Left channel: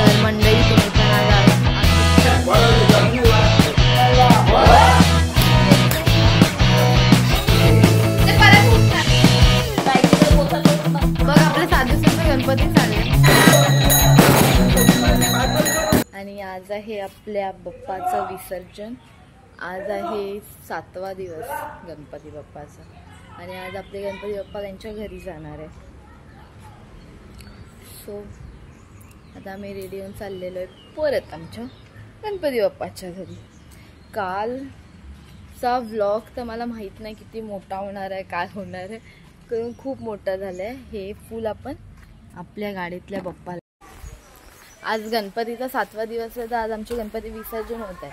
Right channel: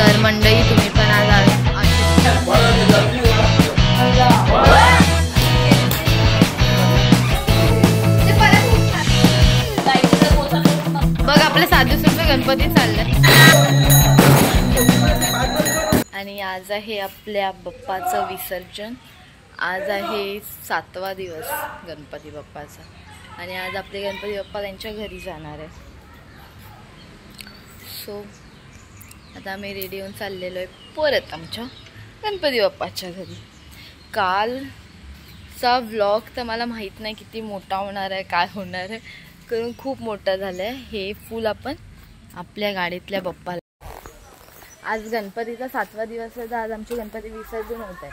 तर मंडळी तुम्ही पण आज बघ आपल्या 7 दिवसाचा गणपती चालले आणि आज आहे आपल्या बाप्पाचं विसर्जन। आज आहे 7वा दिवस गणपती बाप्पाचा आणि आज आपले गणपती बाप्पा त्यांच्या घरी जाणार आहे। सो आता आम्ही रेडी होऊन चाललेलो आहे परत आमच्या गणपती बाप्पाच्या घरी। कालचा व्लॉग तर मला माहीत नाही किती मोठा होणार आहे, काय होणार आहे, कारण खूप मोठा झालं आहे। हे फुल आपण आपल्या गाडीतल्या बाप्पाला, आज गणपतीचा 7वा दिवस आहे तर आज आमचे गणपती विसर्जन होत आहे।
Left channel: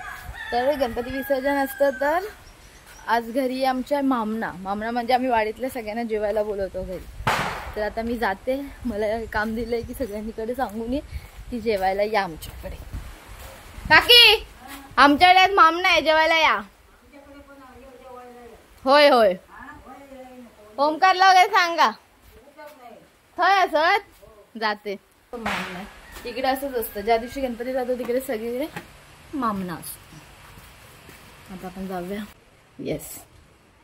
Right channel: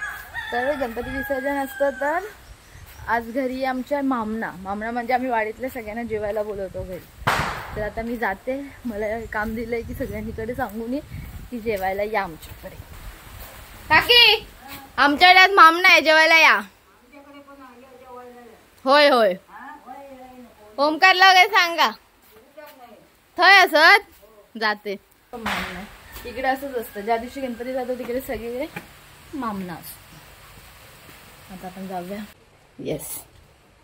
तर गणपती विसर्जन असतं तर आज घरी आमच्या मामना म्हणजे आम्ही वाडीतल्या सगळ्यांना जेवायला बोलवतो घरी। तर आता मी जाते, मला काम दिलंय की सगळ्यांकडे सांगून ये की जेवायला या आमच्याकडे। काकी आमच्याकडे आज मामना आहे, जेवायला या। होय होय ओमकारला वगैरे सांगा, थोय असत जाते। मामना इकडे असंच असतं, ज्या दिवशी गणपती जातो तिकडे सगळीकडे मामना असतो। आता आपण जाऊया। येस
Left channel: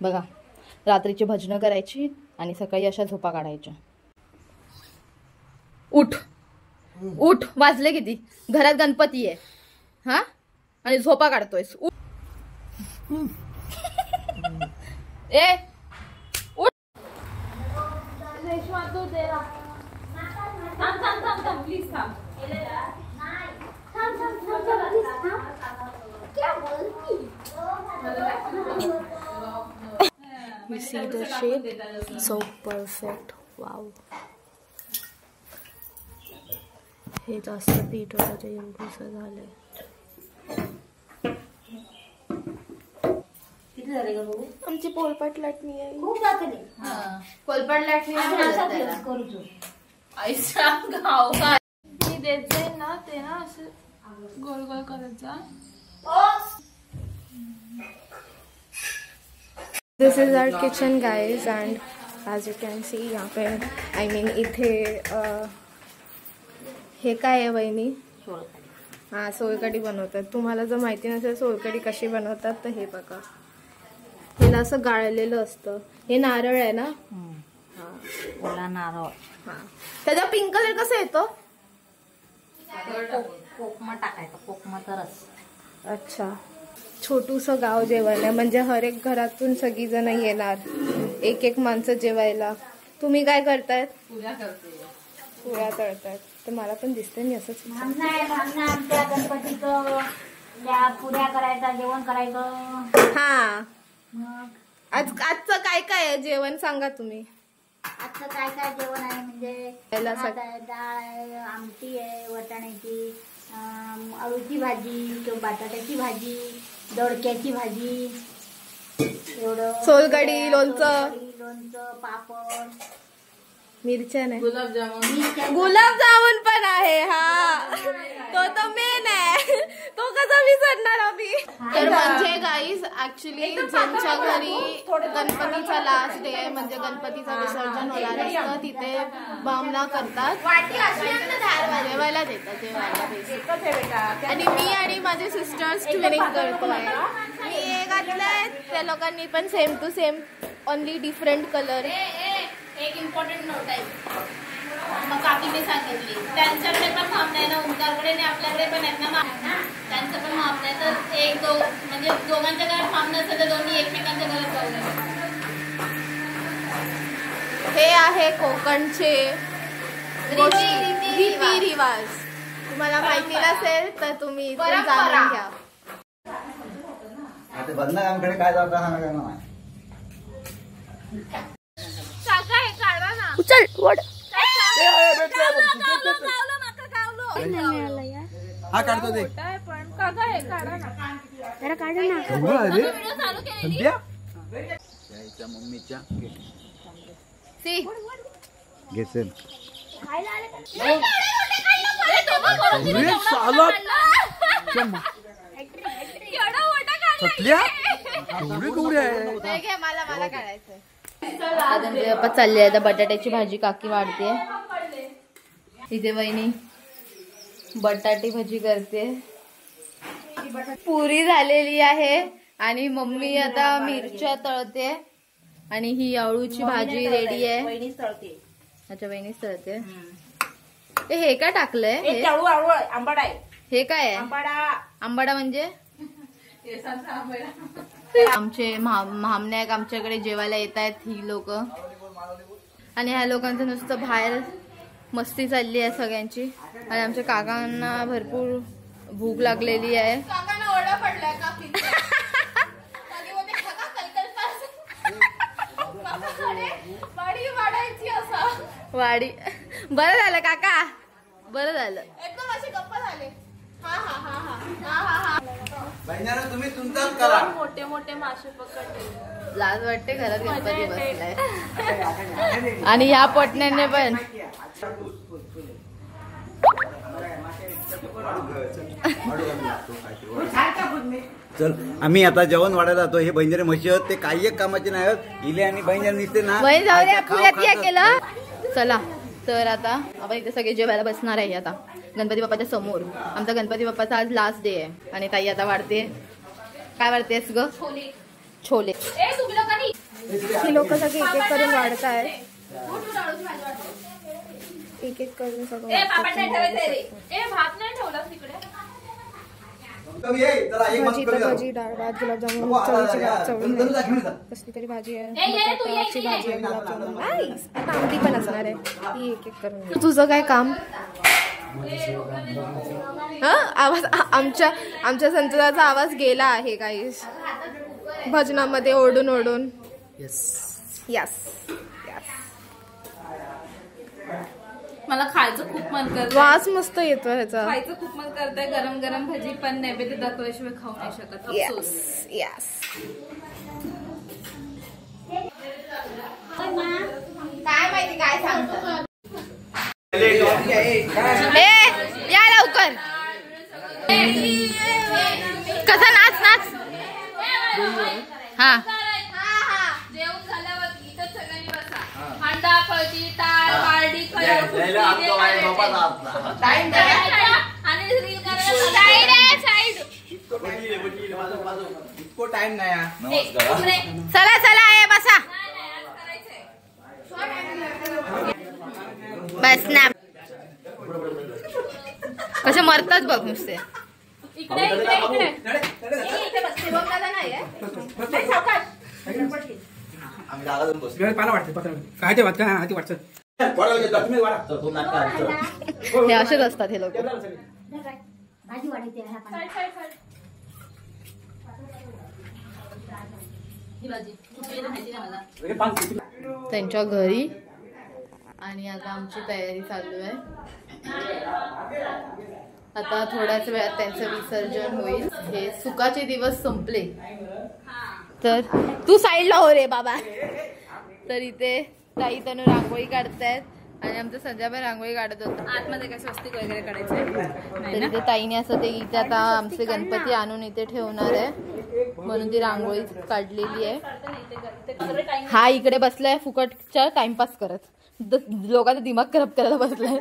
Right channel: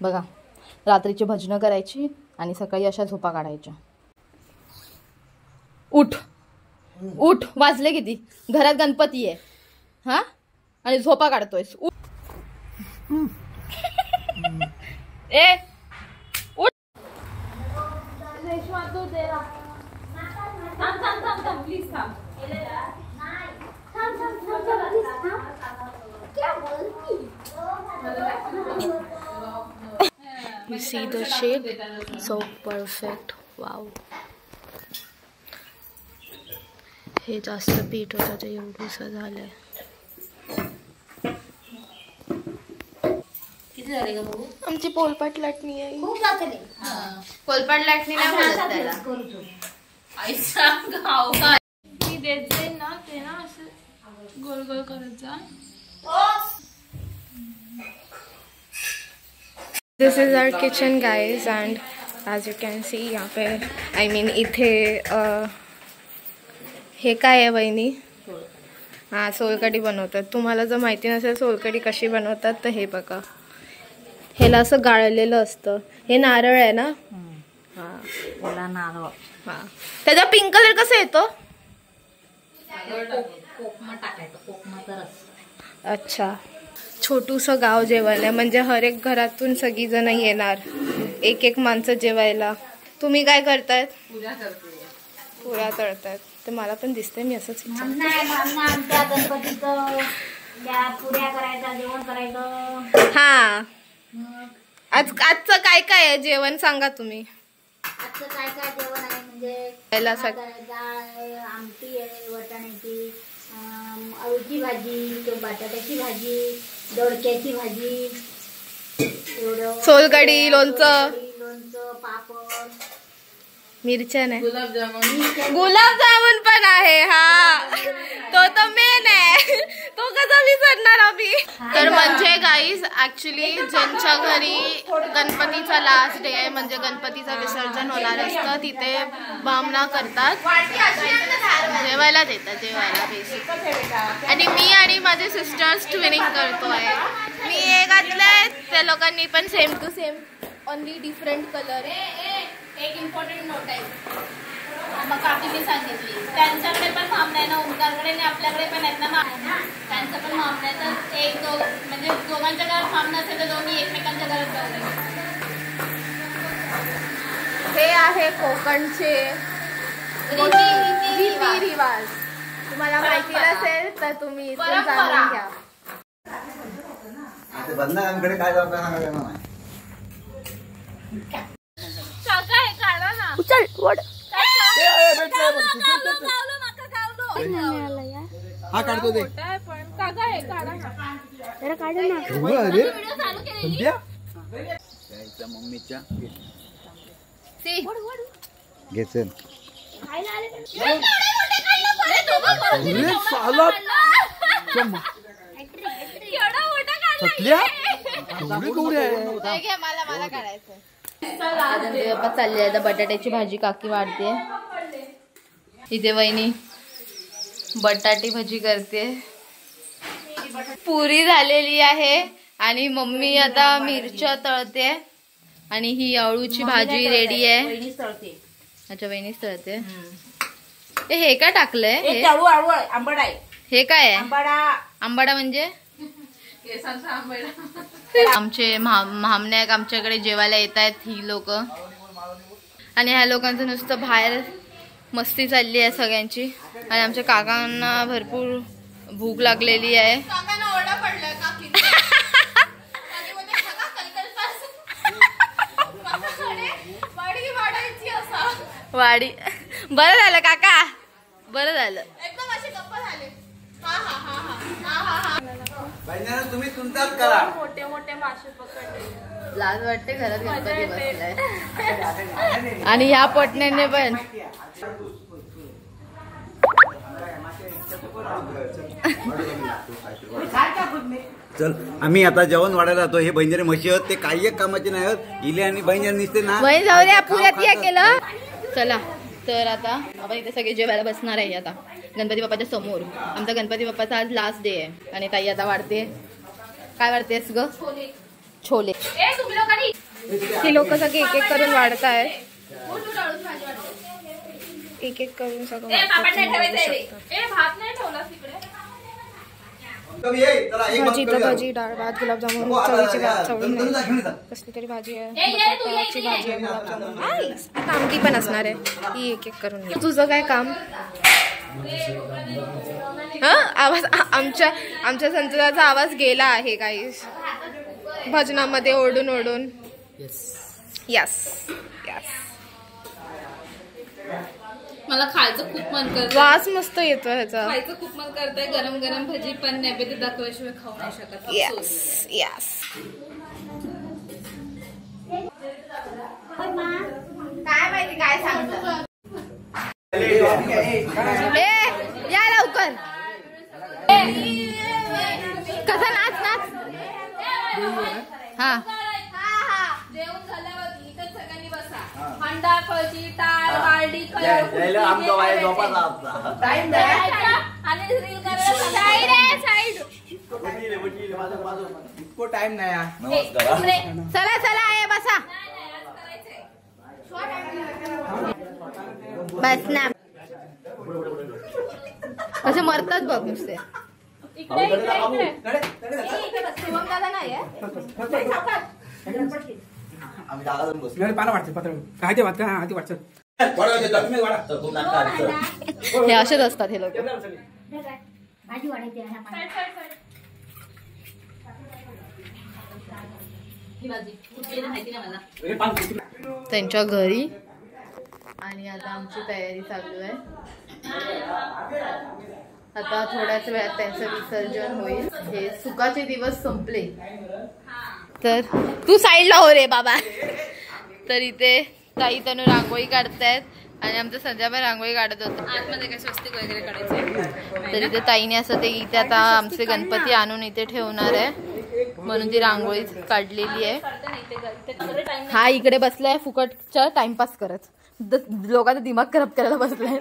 बघा, रात्रीची भजनं करायची आणि सकाळी अशा झोपा काढायच्या। उठ उठ, वाजले किती, घरात गणपती आहे हा आणि झोपा काढतोय। ए उठ, रेशमा तू तेरा थांब प्लीज थांब, You see the shape, so perfect. Wow. हे जास्त पीठ होतं ते एवढंसं झालंय। किती झाले का बघू? आमची पोलपाट लाटणी आहे। खूप जाते रे। पोलपाट लाटणी नाही बोलत त्याला, आईचा गाव काय मी देते ना, ते ना असं गोल गोल करायचा। This is our kitchen guys and as you can see यहाँ पे I mean इथे हे काय आहे वहिनी? हां सोलकढी बनवतात। तुम्हाला जर माहिती नसेल सोलकढी कशी बनवतात तर हे बघा, ह्याला असं गाळलेलं असतं। हे नारळ आहे ना? हां ओला नारळ। हां त्याचा पिंक कलर कसा येतो? कोकमा टाकायचं, कोकमाचा रस। अच्छा, छोटूसं गाव जेवण आहे म्हणजे हर एक घरातून सगळी जण येणार, एक एक माणसं जेवायला। तुम्ही काय करतायत? पूजा करते, पुऱ्या तळतायत। तर मला पण दिसतंय, मी असंच पुऱ्या करायचा, जेवण करायचं। हा आजचं काय काय आहे जेवण सांगा तुम्ही। आजचं काय काय जेवण आहे म्हणजे डाळ आहे, आमटी आहे वाटाण्याची, अळूची भाजी किंवा बटाट्याची भाजी, दोडक्याची भाजी, सोलकढी, लोणचं, पापड, मिरच्या नाही, गुलाबजामुन पण आहे। हा तो तर मेन आहे, तो कसा विसरणार आम्ही। तर म्हणजे गाईज ऍक्च्युली ज्यांच्या घरी गणपतीचा लास्ट डे आहे म्हणजे गणपतीचं विसर्जन होणार असतं तिथे बामणा करतात, जेवायला देतात, जेवायला बेसिक। आणि मी आणि माझे सिस्टर्स ट्विनिंग करतोय। मी हे घातलंय, त्या लोकांनी पण same to same, only different colour. एक इम्पॉर्टंट नोट आहे, मग काकीने सांगितली त्यांच्याकडे पण मामण्याला ओंकारकडे आणि आपल्याकडे पण आहेत ना, त्यांचं पण मामण्या तर एक दोन म्हणजे दोघांच्या घरात मामणं असेल तर दोन्ही एकमेकांच्या घरात जाऊ। हे आहे कोकणचे रीती रिवाज, तुम्हाला माहिती नसेल तर तुम्ही जाणून घ्या। काका हे काढा ना, उचल वड हा काढतो ते पण काका हे काढा ना, जरा काढ ना यायचा मम्मीच्या घेचन मला काढायचं। बाप्पा चालले आता बटाट्याची भाजी काकी वाढते, इथे वहिनी बटाटी भजी करते. पुरी झालेली आहे आणि मम्मी आता मिरच्या तळते आणि ही अळूची भाजी रेडी आहे. अच्छा वहिनीच तळते. हे काय टाकलंय? हे काय आहे? आंबाडा म्हणजे आमचे महामनायक आमच्याकडे जेवायला येत आहेत ही लोक आणि ह्या लोकांचं नुसतं बाहेर मस्ती चालली आहे सगळ्यांची. आणि आमच्या काकांना भरपूर भूक लागलेली आहे. वाडी बरं झालं काका, बरं झालं. तुम्ही तुमचाच करा. मोठे मोठे मासे पकडले. लाज वाटते घरात गणपती बसलाय आणि ह्या पटण्याने पण. चल आम्ही आता जेवण वाढायला जातो. हे बहिणीरे म्हशी आहेत ते काही एक कामाचे नाही आहेत. इले आणि बहिणी निसते ना बहीण जाऊ द्या पुण्यात या केलं. चला तर आता आपण इथे सगळे जेवायला बसणार आहे आता गणपती बाप्पाच्या समोर. आमचा गणपती बाप्पाचा आज लास्ट डे आहे आणि ताई आता वाढते. काय वाढतेस ग? छोले. ही लोक सगळे एक एक करून वाढताय. एक एक करून सगळं भजी तर भजी, डाळ भात, गुलाबजामुन, कसली तरी भाजी आहे, आमटी पण असणार आहे. ही एक एक करून. तुझं काय काम? हा आवाज आमच्या संतुराचा आवाज गेला आहे काही भजनामध्ये ओढून ओढून. Yes yes. मला खायचं खूप मन करत. वास मस्त येतो ह्याचा. खायचं खूप मन करतंय. गरम गरम भजी पण नैवेद्य दाखवल्याशिवाय खाऊ नाही शकत. Yes yes. काय माहिती काय सांगतो. या लवकर. कसा नाच नाच. हा जेवण झाल्यावर इथं सगळ्यांनी बसा. अंडा कळती टाळ बार्डी टाइम नाही. चला चला आहे बसा. बस ना. कसे मरतात बघ नुसते. हे असेच असतात हे लोक. त्यांच्या घरी आणि आता आमची तयारी चालू आहे. आता थोड्याच वेळात त्यांचं विसर्जन होईल. हे सुखाचे दिवस संपले तर तू साईडला हो रे बाबा. तर इथे ताई तनु रांगोळी काढतायत आणि आमचं संध्या पण रांगोळी काढत होतं. आतमध्ये काय स्वस्तिक वगैरे काढायचं. तर इथे ताईने असं ते इथे आता आमचे गणपती आणून इथे ठेवणार आहे म्हणून ती रांगोळी काढलेली आहे. हा इकडे बसलाय फुकटच्या टाइमपास करत. लोकांचा दिमाग खराब करायला बसलाय.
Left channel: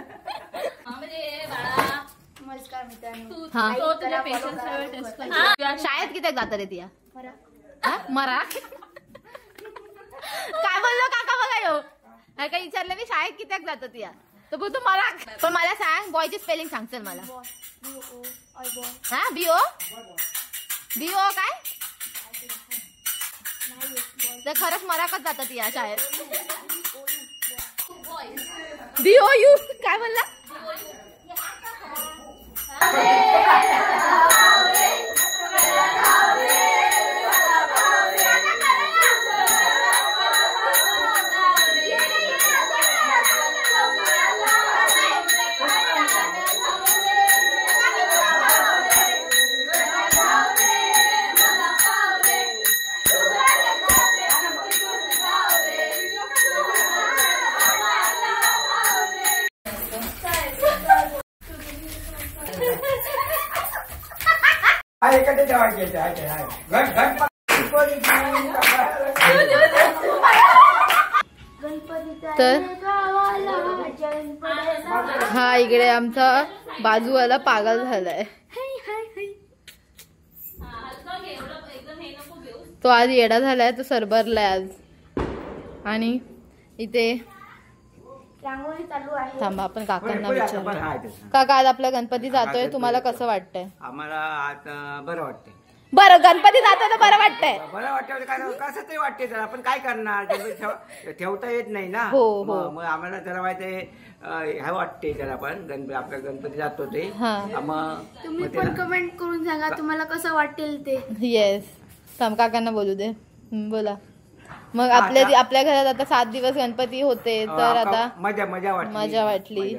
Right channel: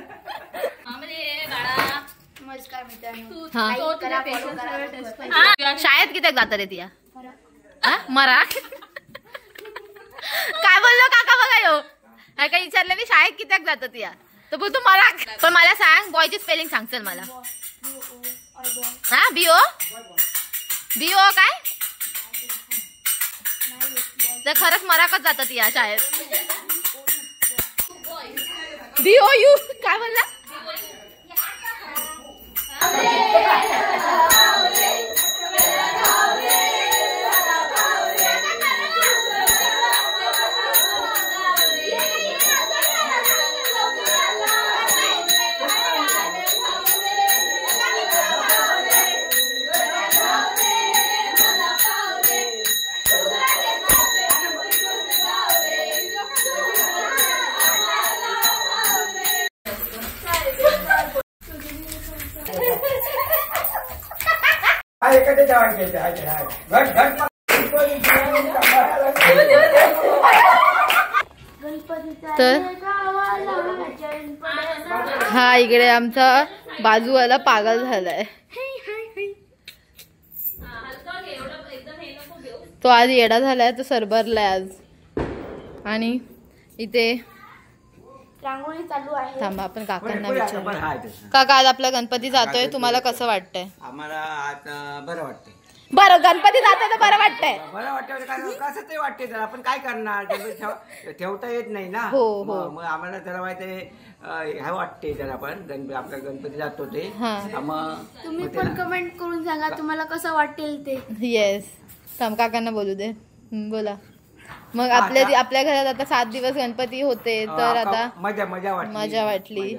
शाळेत किती जातात रे तिया? मरा काय बोललो काका बघा येऊ. काय विचारलं मी शाळेत किती जातात या तर बोलतो मरा. पण मला सांग बॉयची स्पेलिंग सांग चल मला. हा बीओ बीओ काय तर खरंच मराकच जातात या शाळेत. बीओ यू काय बोलला? गणपती तर हा इकडे आमचा बाजूवाला पागल झालाय. तो आज येडा झालाय, तो सरबरलाय आज. आणि इथे रांगोळी चालू आहे. थांबा आपण काकांना विचारू. काका आज आपला गणपती जातोय, तुम्हाला कसं वाटतंय? आम्हाला आता बरं वाटतंय. बरं गणपती जातोय तर बरं वाटतंय. बरं वाटतं कसं तरी वाटते तर आपण काय करणार, ठेवता येत नाही ना. हो. मग आम्हाला त्याला माहिती ह्या वाटते त्याला पण आपला गणपती जातो ते. तुम्ही पण कमेंट करून सांगा तुम्हाला कसं वाटेल ते. येस थांब काकांना बोलू दे. बोला. मग आपल्या घरात आता 7 दिवस गणपती होते तर आता मजा वाटली.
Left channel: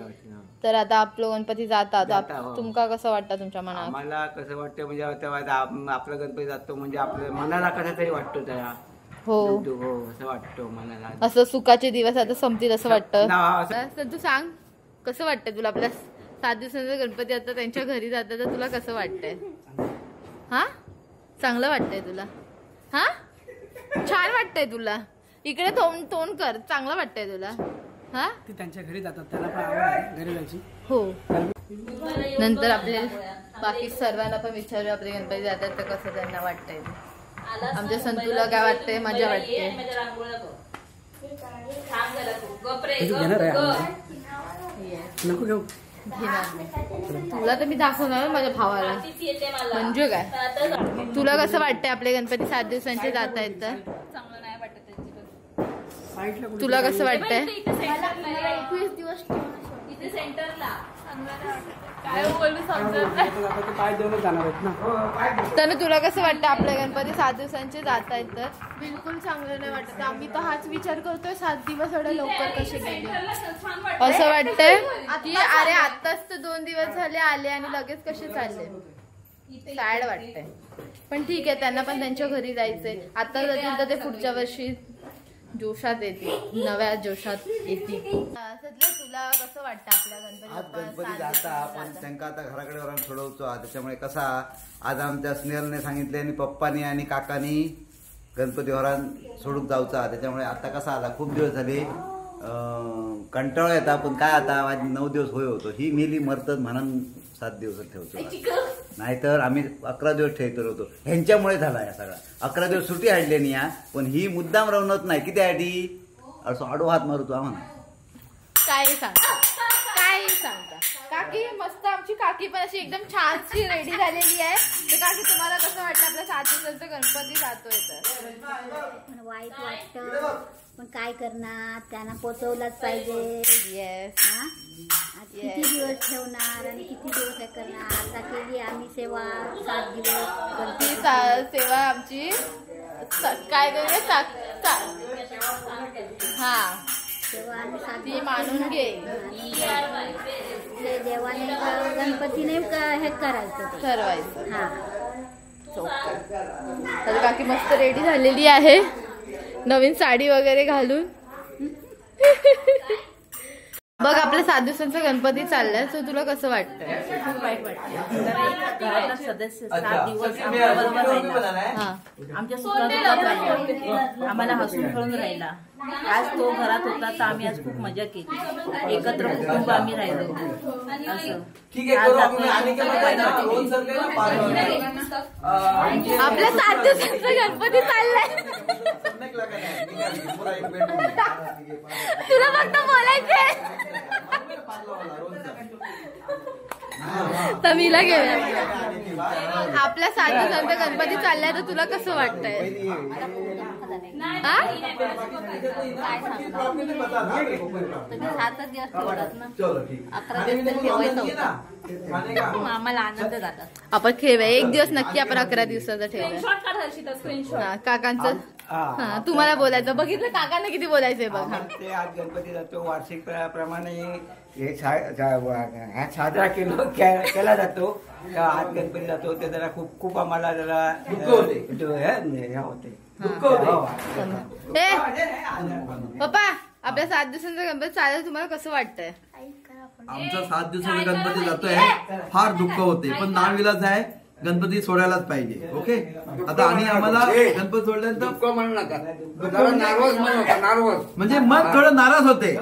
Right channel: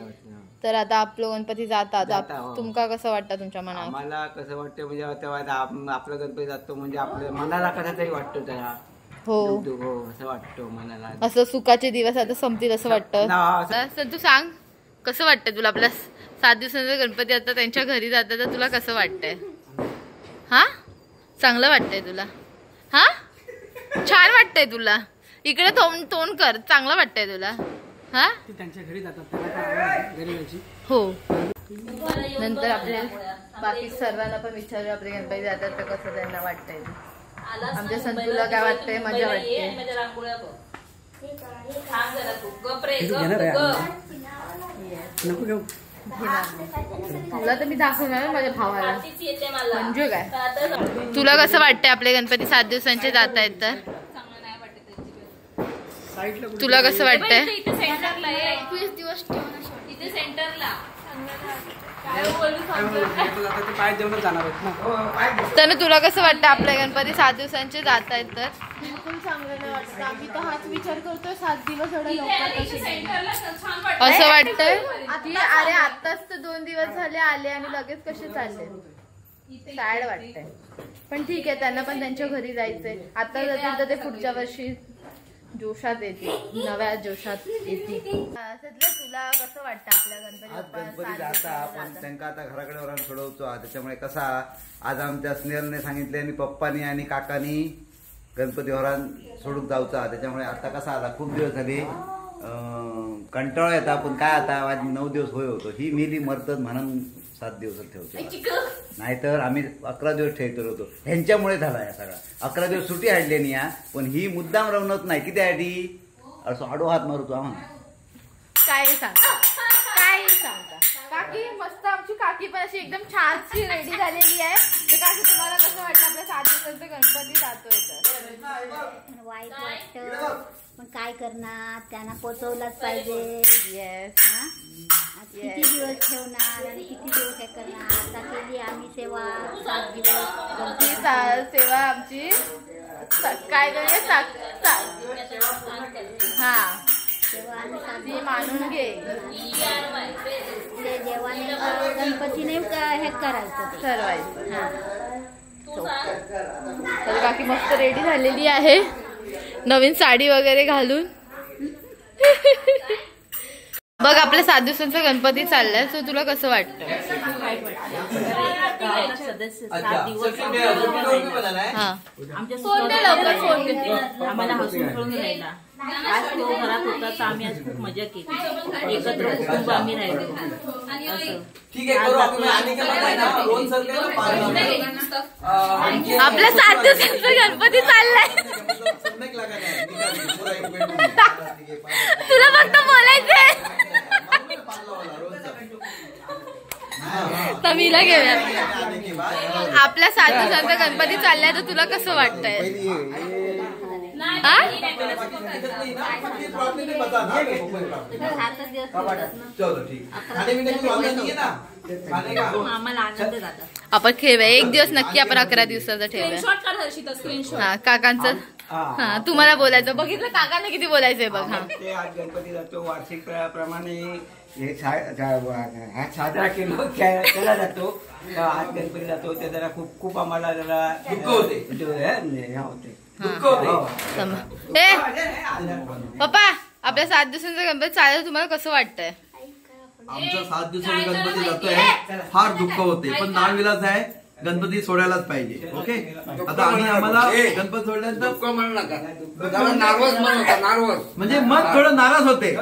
तर आता आपलं गणपती जातात, तुमका कसं वाटतं तुमच्या मनात? मला कसं वाटतं म्हणजे आपला गणपती जातो म्हणजे आपल्या मनाला कसं तरी वाटतो त्याला. हो असं वाटतं मनाला. असं सुखाचे दिवस आता संपतील असं वाटतं. तू सांग कसं वाटतं तुला? आपल्या 7 दिवसांचा गणपती आता त्यांच्या घरी जातात तर तुला कसं वाटतंय? हा चांगलं वाटतंय तुला? हा छान वाटतंय तुला? इकडे तोंड कर. चांगलं वाटतंय तुला? हा त्यांच्या घरी जातात त्याला घरी जायची. हो. नंतर आपल्या बाकी सर्वांना पण विचारू आपले गणपती जातात तर कसं त्यांना वाटतंय. आमच्या संतूला काय वाटतंय? मजा वाटते. नको घेऊ. तुला तर मी दाखवणार माझ्या भावाला. म्हणजे काय तुला कसं वाटतंय आपले गणपती 7 दिवसांचे जात आहेत तर? तुला कसं वाटतंय? तर तुला कसं वाटतं आपल्या गणपती 7 दिवसांचे जात आहेत तर? बिलकुल चांगलं नाही वाटतं. आम्ही तर हाच विचार करतोय 7 दिवस एवढे लवकर कसे गेले. असं वाटतंय की अरे आताच तर 2 दिवस झाले आले आणि लगेच कसे चालले. सॅड वाटतंय. पण ठीक आहे, त्यांना पण त्यांच्या घरी जायचंय. आता जातील तर ते पुढच्या वर्षी जोशात येतील, नव्या जोशात येतील. तुला कसं वाटतं आपल्या गणपती जाता आपण त्यांना आता घराकडे वरून सोडवतो. त्याच्यामुळे कसा आज आमच्या स्नेहलने सांगितले आणि पप्पानी आणि काकानी गणपती वरान सोडून जाऊचा. त्याच्यामुळे आता कसा आला खूप दिवस झाले कंटाळा येता. पण काय आता आज 9 दिवस होय होतो. ही मेली मरतच म्हणून 7 दिवस ठेवतो. नाहीतर आम्ही 11 दिवस ठेवतो होतो. ह्यांच्यामुळे झाला या सगळा. 11 दिवस सुट्टी हाडली नाही या. पण ही मुद्दाम रवणत नाही किती आधी असं आडो हात मारतो आम्हाला. काय सांगता काकी? मस्त आमची काकी पण अशी एकदम छानशी रेडी झालेली आहे. तर काकी तुम्हाला कसं वाटतं आपल्या 7 दिवसांचा गणपती जातोय तर? वाईट वाटतं पण काय करणार, त्यांना पोचवलाच पाहिजे. येस. किती दिवस ठेवणार आणि किती दिवस हे करणार. आता केली आम्ही सेवा 7 दिवस. ती सेवा आमची काय करूया हा ती मानून घे. देवाने गणपतीने हे करायचं ठरवायचं. हा. तर काकी मस्त रेडी झालेली आहे नवीन साडी वगैरे घालून. बघ आपल्या 7 दिवसांचा गणपती चाललाय. तर तुला कसं वाटतं? सदस्य 7 दिवस आम्हाला हसून खेळून राहिला. आज तो घरात होता तर आम्ही आज खूप मजा केली. एकत्र कुटुंब आम्ही राहिलो. असं आपल्या 7 दिवसांचा गणपती चाललाय. तुला फक्त बोलायचंय. तमीला घेऊया. आपल्या 7 दिवसांचा गणपती चाललाय तर तुला कसं वाटतंय? आम्हाला आनंद झाला. आपण ठेवूया 1 दिवस नक्की. आपण 11 दिवसाचा ठेवूया. हा काकांचं. हा तुम्हाला बोलायचं. बघितलं काकांना किती बोलायचंय बघ. हा ते आज गणपती जातो वार्षिक प्रमाणे हे साजरा केलो त्याला जातो. आज गणपती जातो ते जरा खूप खूप आम्हाला जरा होते. पप्पा आपल्या 7 दिवसांचा गणपती चालेल तुम्हाला कसं वाटतंय? आमचा 7 दिवसाचा गणपती जातोय फार दुःख होते पण नाविलाज आहे. गणपती सोडायलाच पाहिजे. ओके, आता आणि आम्हाला गणपती सोडल्यानंतर म्हणजे मन थोडं नाराज होते.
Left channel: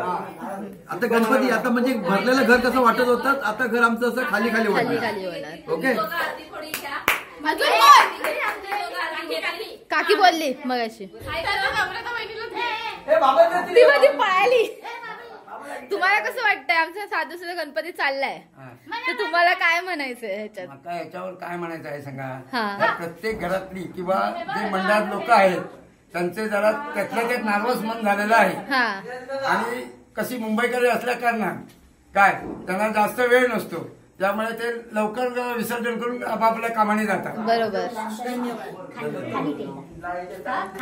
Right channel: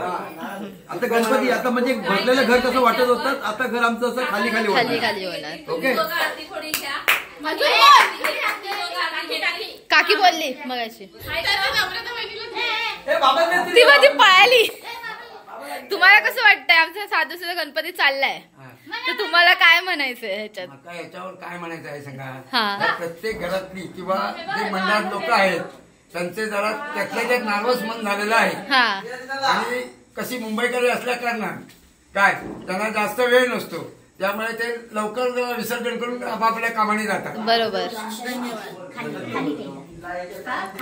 आता गणपती आता म्हणजे भरलेलं घर कसं वाटत होतं, आता घर आमचं असं खाली खाली होणार. ओके, काकी बोलली मगाशी, ती माझी पळाली. तुम्हाला कसं वाटतंय आमचा साधू सुद्धा गणपती चाललाय, तर तुम्हाला काय म्हणायचंय ह्याच्यात? आता याच्यावर काय म्हणायचं आहे सांगा. प्रत्येक घरातली किंवा जे मंडळात लोक आहेत त्यांचे जरा त्यातल्या त्यात नार्वस मन झालेलं आहे. आणि कशी मुंबईकडे असल्या कारणात काय त्यांना जास्त वेळ नसतो, त्यामुळे ते लवकर विसर्जन करून आपापल्या कामाने जातात. बरोबर.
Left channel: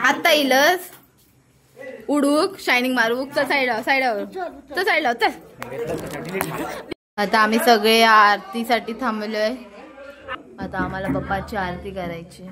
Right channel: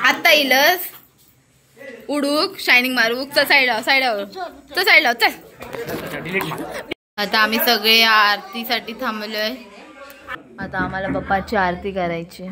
आता येईलच उडूक शायनिंग मारूक. चल साईडावर चल. आता आम्ही सगळे आरतीसाठी थांबलोय. आता आम्हाला बाप्पाची आरती करायची.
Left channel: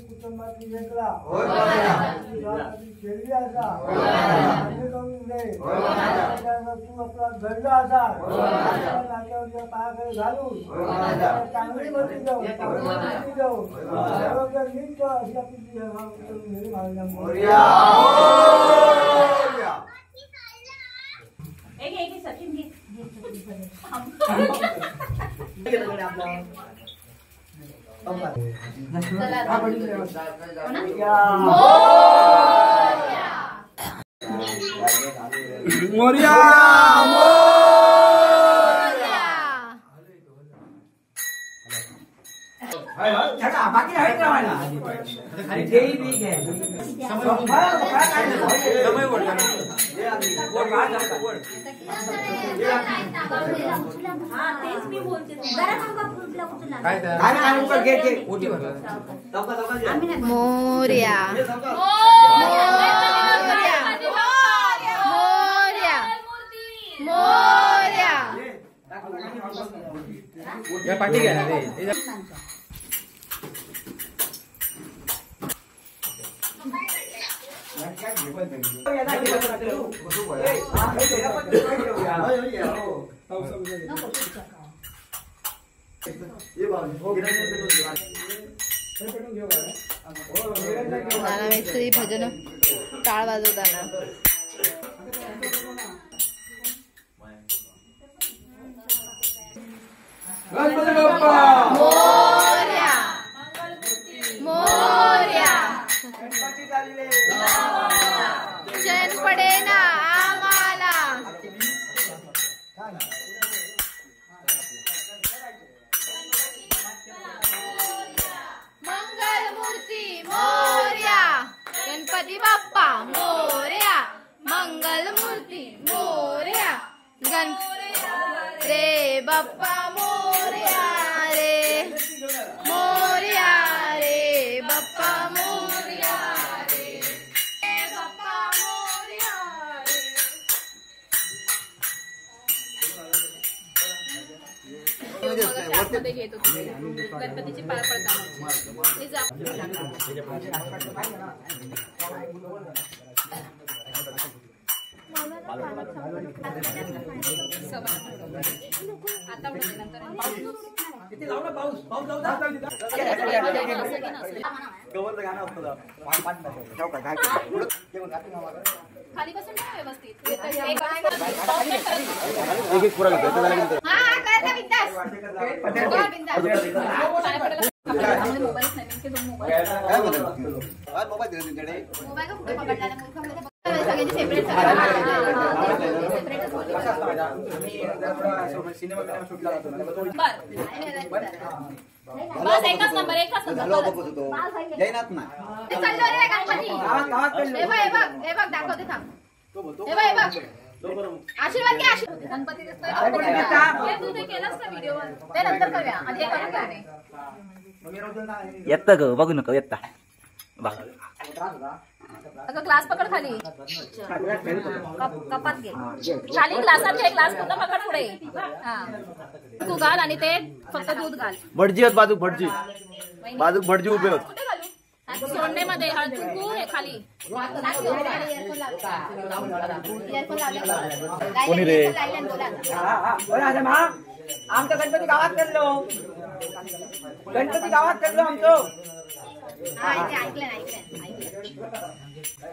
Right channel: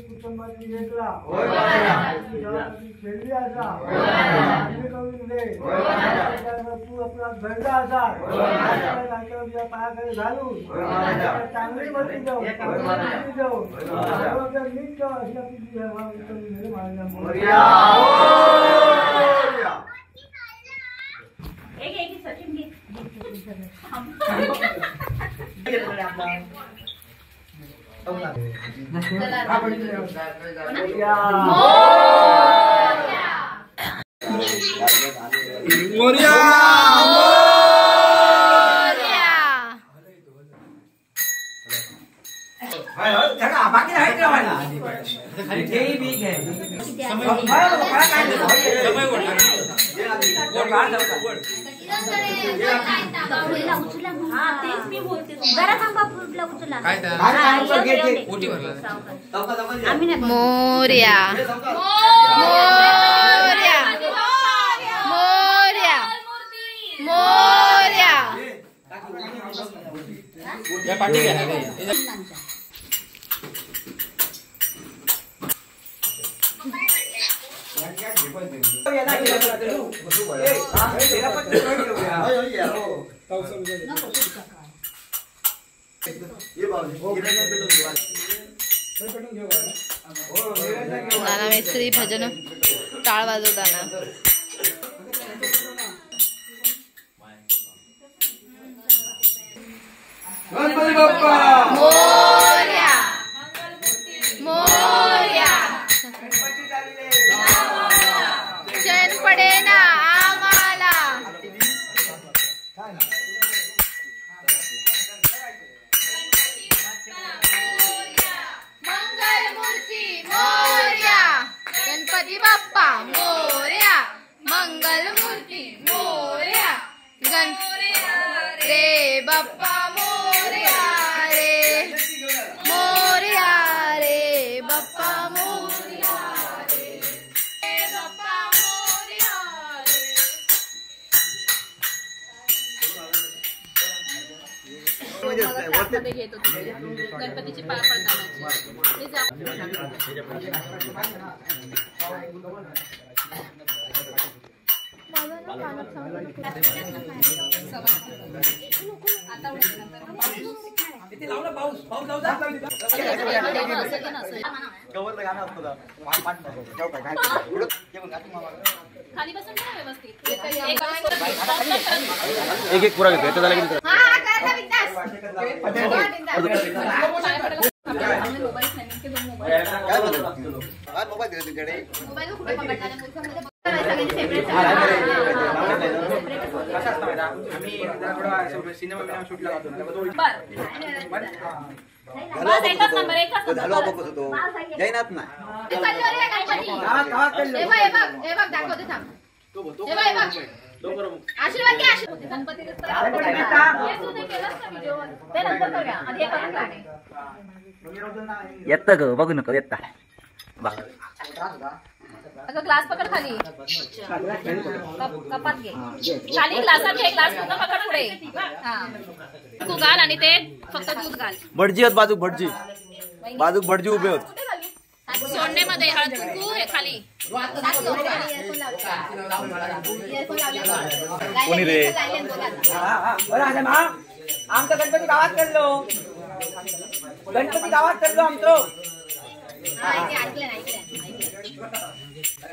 कुटुंबाची वेगळा खेळली असा तू आपला घडला असा नाट्यावरच्या पायाकडे घालून चांगली मोठी जाऊ नीट अशा बाकी आहे का मला मोरया मोरया मोरया मोरया पाठी घ्या नाना मेस्त्री भजन टाळ वाजवताना. गणपती बाप्पा मोरया मोरया. चैन पडे ना आम्हाला. मंगलमूर्ती मोरया. गणपती बाप्पा मोरया. मंगलमूर्ती मोरया. रे बाप्पा मोरया रे मोरया रे बाप्पा मोरया रे बाप्पा मोरया गणपतीची पाय पडताना खाली बसून ना व्यवस्थित. एक एक पुरा घेतो झाला की जैनात नाही आशीर्वाद घ्या. गणपती येतं ग बघू नको येता. ग्लास पकड खाली. कपात घे खाली. ग्लास घे. ग्लास पूर्ण पकड पुढे. तू घाल आणि ते फक्त दूध घाल. भटजी आहेत बाजू भटजी भटजी उभे होत. सोडण्यामध्ये हळद कुंकू हे खाली. कोणी रे आमचा गणपती गावात करलो. गणपती गावात करलो आमचं.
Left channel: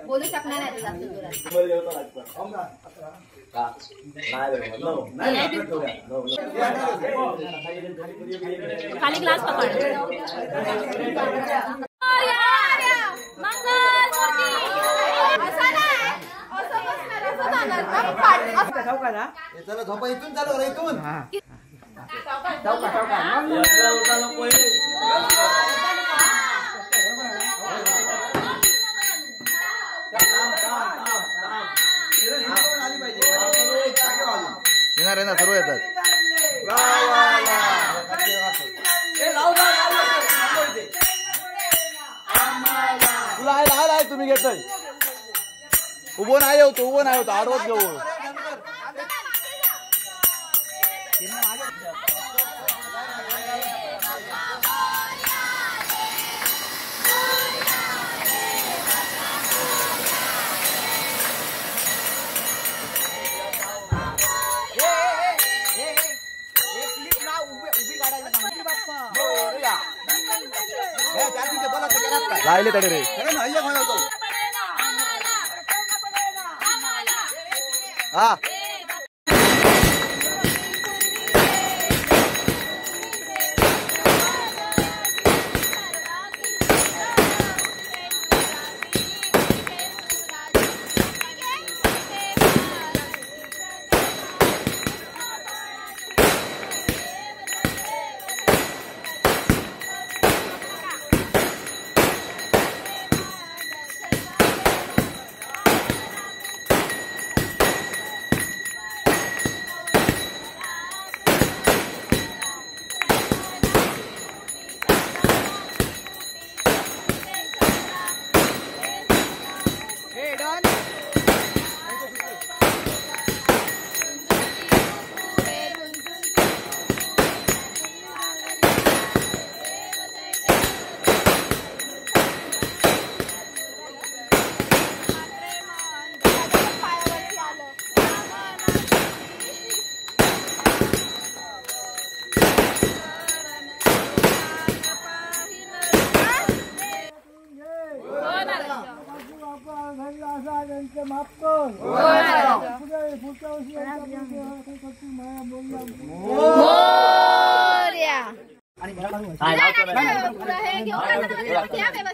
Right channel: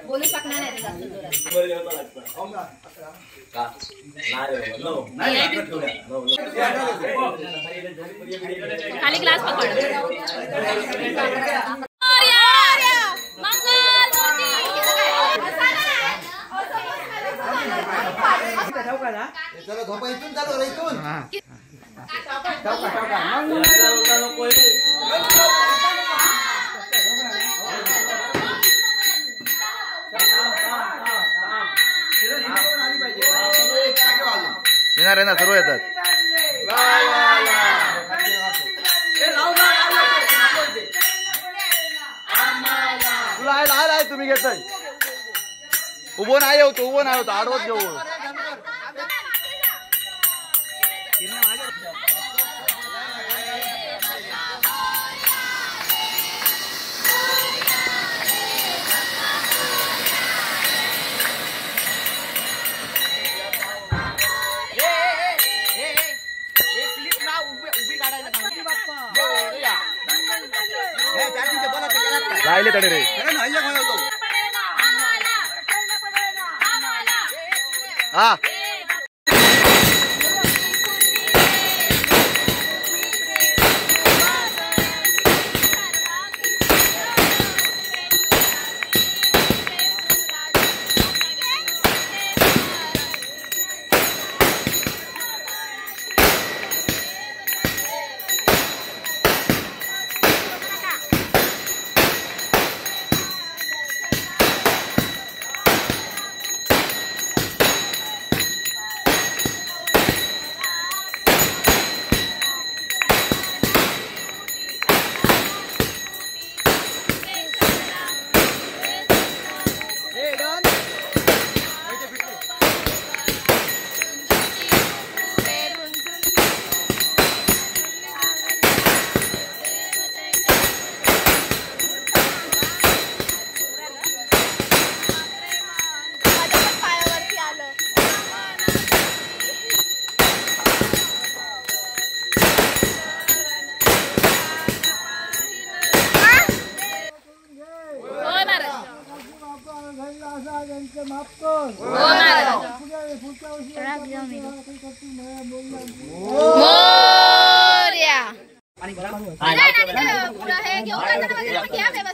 बोलू शकणार नाही. खाली ग्लास पकड. चला झोपा इथून चालू रे इथून. येणार आहे ना सर्व येतात. तुला आहे तुम्ही घेतोय. उभं नाही होतो आडवत घेऊ. राहिले तरी नाही. हा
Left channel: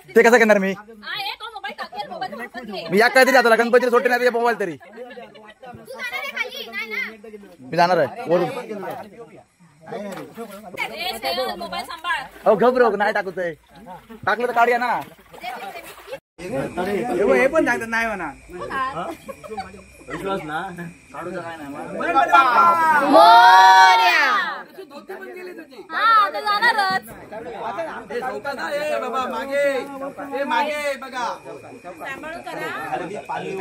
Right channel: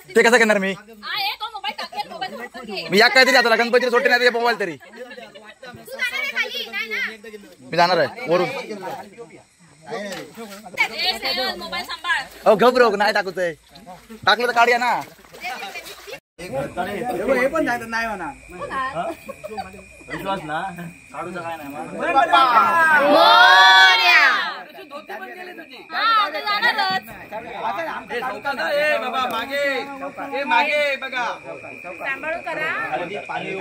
ते कसं करणार मी या काय तरी आता गणपती सोडते नाही मोबाईल तरी मी जाणार आहे वरून घबरो नाही टाकतोय टाकलं तर काढूया ना हे पण सांगतात नाही म्हणा विश्वास ना काढूचा काय नाही बाबा मागे मागे बघा पाणी मागे पाणी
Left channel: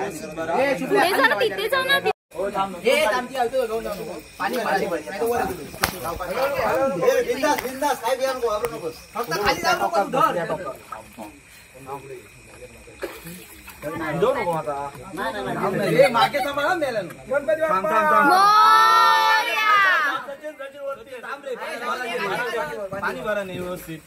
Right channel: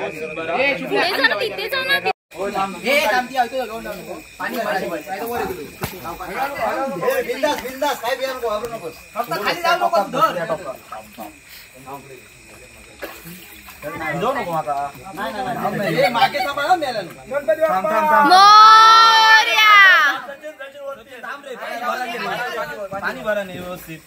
भरा नाही व्यवस्थित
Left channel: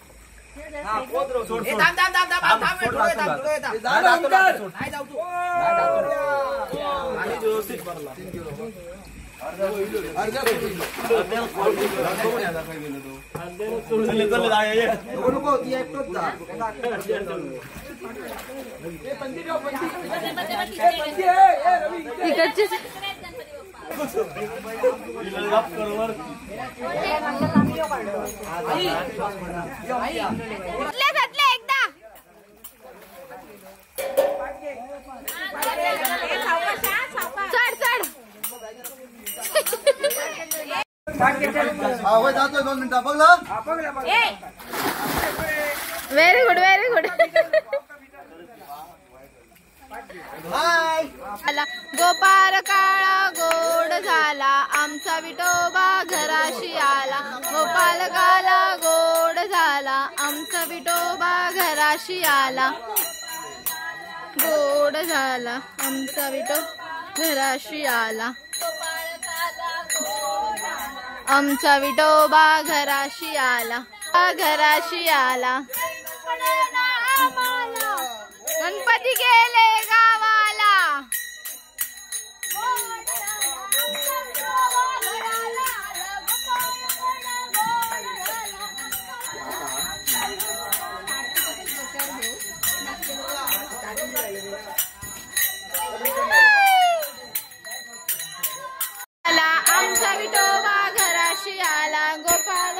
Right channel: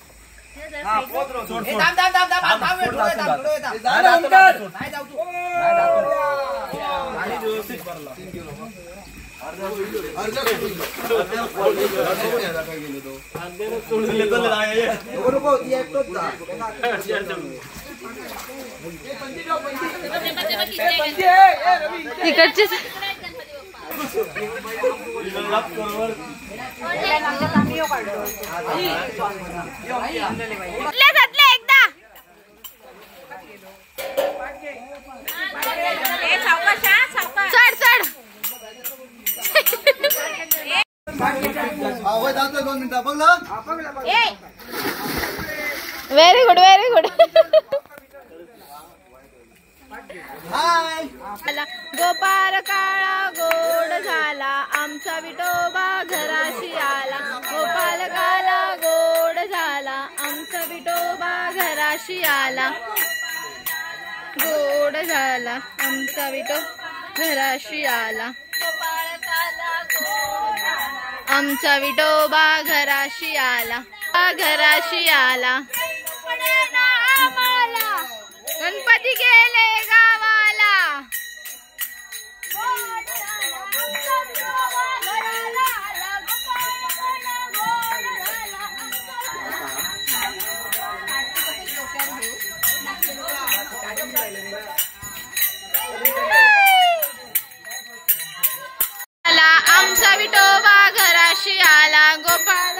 तिकडचे एकदा चढ चढ जातोय 2 मिनिटं बघलं very good very good Gopal काळा गोड झाला आमचा विठोबा घराशी आला गोपाळ काळा गोड झाला आमचा विठोबा घराशी आला गोड झाला आमचा विठोबा घराशी आला आमचा विठोबा घराशी आला घराशी आला गणपती गेले गावाला आमचा विठोबा घराशी आला गोपाळ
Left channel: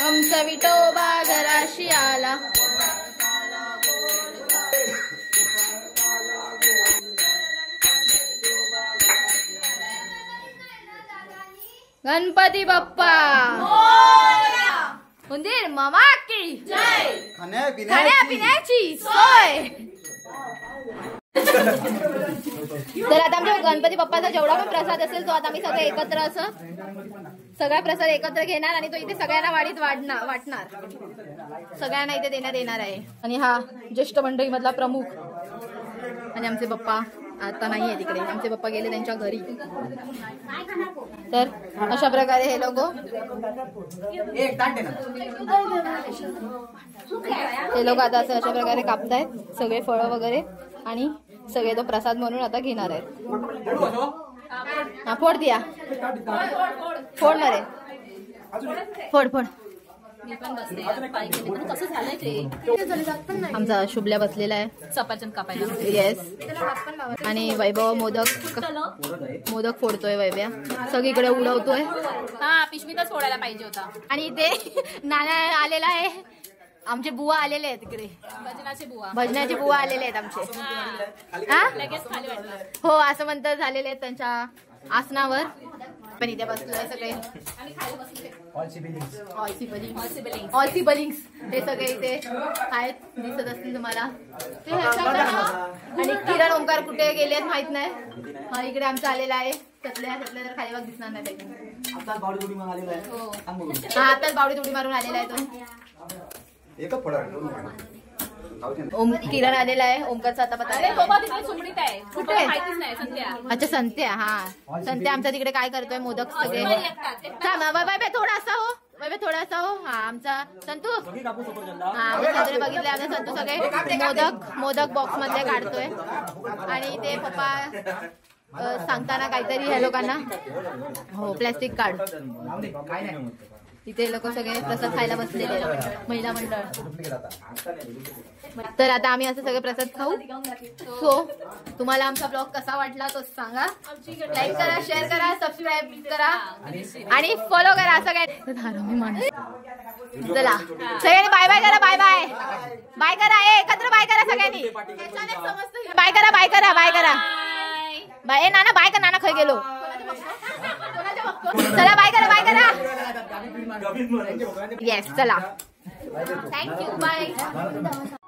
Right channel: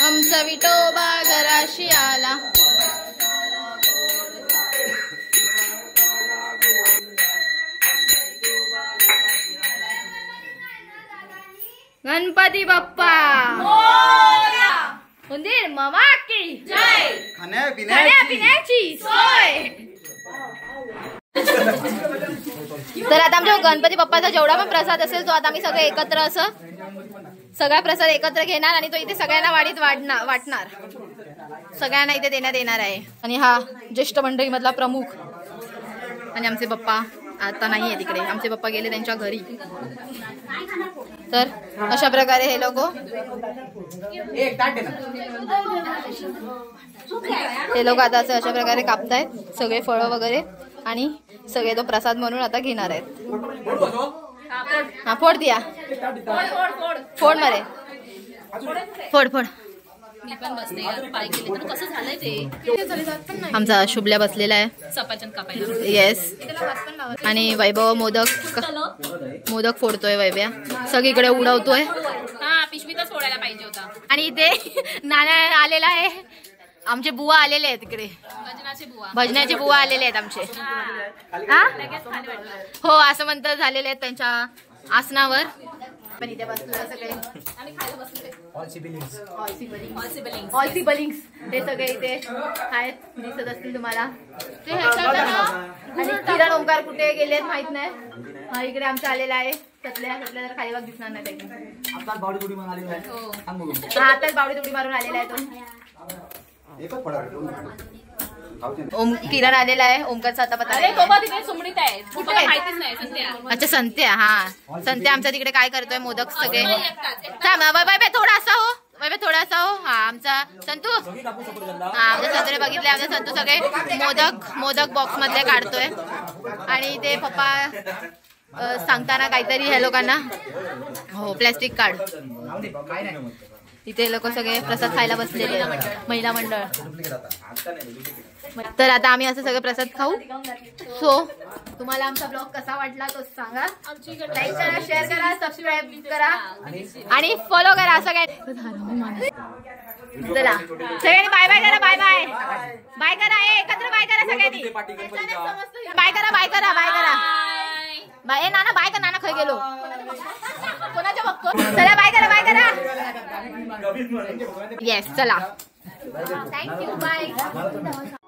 आमचा विठोबा घराशी आला गणपती बाप्पा उंदीर मामा की जय खाण्यापिण्याची सोय तर आता आमच्या गणपती बाप्पाचा जेवढा पण प्रसाद असेल तो आता आम्ही सगळे एकत्र असं सगळा प्रसाद एकत्र घेणार आणि तो इथे सगळ्यांना वाढीत वाटणार सगळ्यांना इथे देण्यात येणार आहे आणि हा ज्येष्ठ मंडळी मधला प्रमुख आणि आमचे पप्पा आता नाहीये तिकडे आमचे पप्पा गेले त्यांच्या घरी तर अशा प्रकारे हे लोक आता अशा प्रकारे कापतायत सगळे फळं वगैरे आणि सगळे तो प्रसाद म्हणून आता घेणार आहेत हा फोड द्या फोड मध्ये फोड फोड आमचा शुभल्या बसलेला आहे सफरचंद कापायला येस आणि वैभव मोदक फोडतोय वैभ्या सगळीकडे उडवतोय हा पिशवीतच फोडायला पाहिजे होता आणि इथे नारळ आलेला आहे आमचे बुवा आलेले आहेत तिकडे भजनाचे बुवा आलेले आहेत आमचे हो असं म्हणतात झालेले आहेत त्यांच्या आसनावर पण इथे बसलेले सगळे ते सगळे इथे आहेत दिसत असतील तुम्हाला आणि किरण ओंकार कुठे गेले आहेत माहित नाही हा इकडे आमचा आलेला आहे त्यातल्या तर खाली बघ दिसणार नाही आताच बावडी उडी मारून आलेला आहे तो ओम किरण आलेला आहे ओमकारचा आता पता अच्छा संत्या हा संत्या आमचा तिकडे काय करतोय मोदक सगळे थोडासा हो थोडासा हो हा आमचा संतू हा आमच्या संतूने बघितले आमचा संतू सगळे मोदक बॉक्स मधले काढतोय आणि ते पप्पा सांगताना काहीतरी ह्या लोकांना हो प्लॅस्टिक काढ इथे लोक सगळे प्रसाद खायला बसलेले महिला मंडळ. तर आता आम्ही असं सगळे प्रसाद खाऊ. सो तुम्हाला आमचा ब्लॉग कसा वाटला तो सांगा. लाईक करा, शेअर करा, सबस्क्राईब करा आणि फॉलो करा सगळ्यांनी. चला सगळ्यांनी बाय बाय करा. बाय बाय बाय करा. एकत्र बाय करा सगळ्यांनी. बाय करा बाय करा बाय करा बाय. नाना बाय करा. नाना खाई गेलो. चला बाय करा बाय करा. येस चला थँक्यू बाय.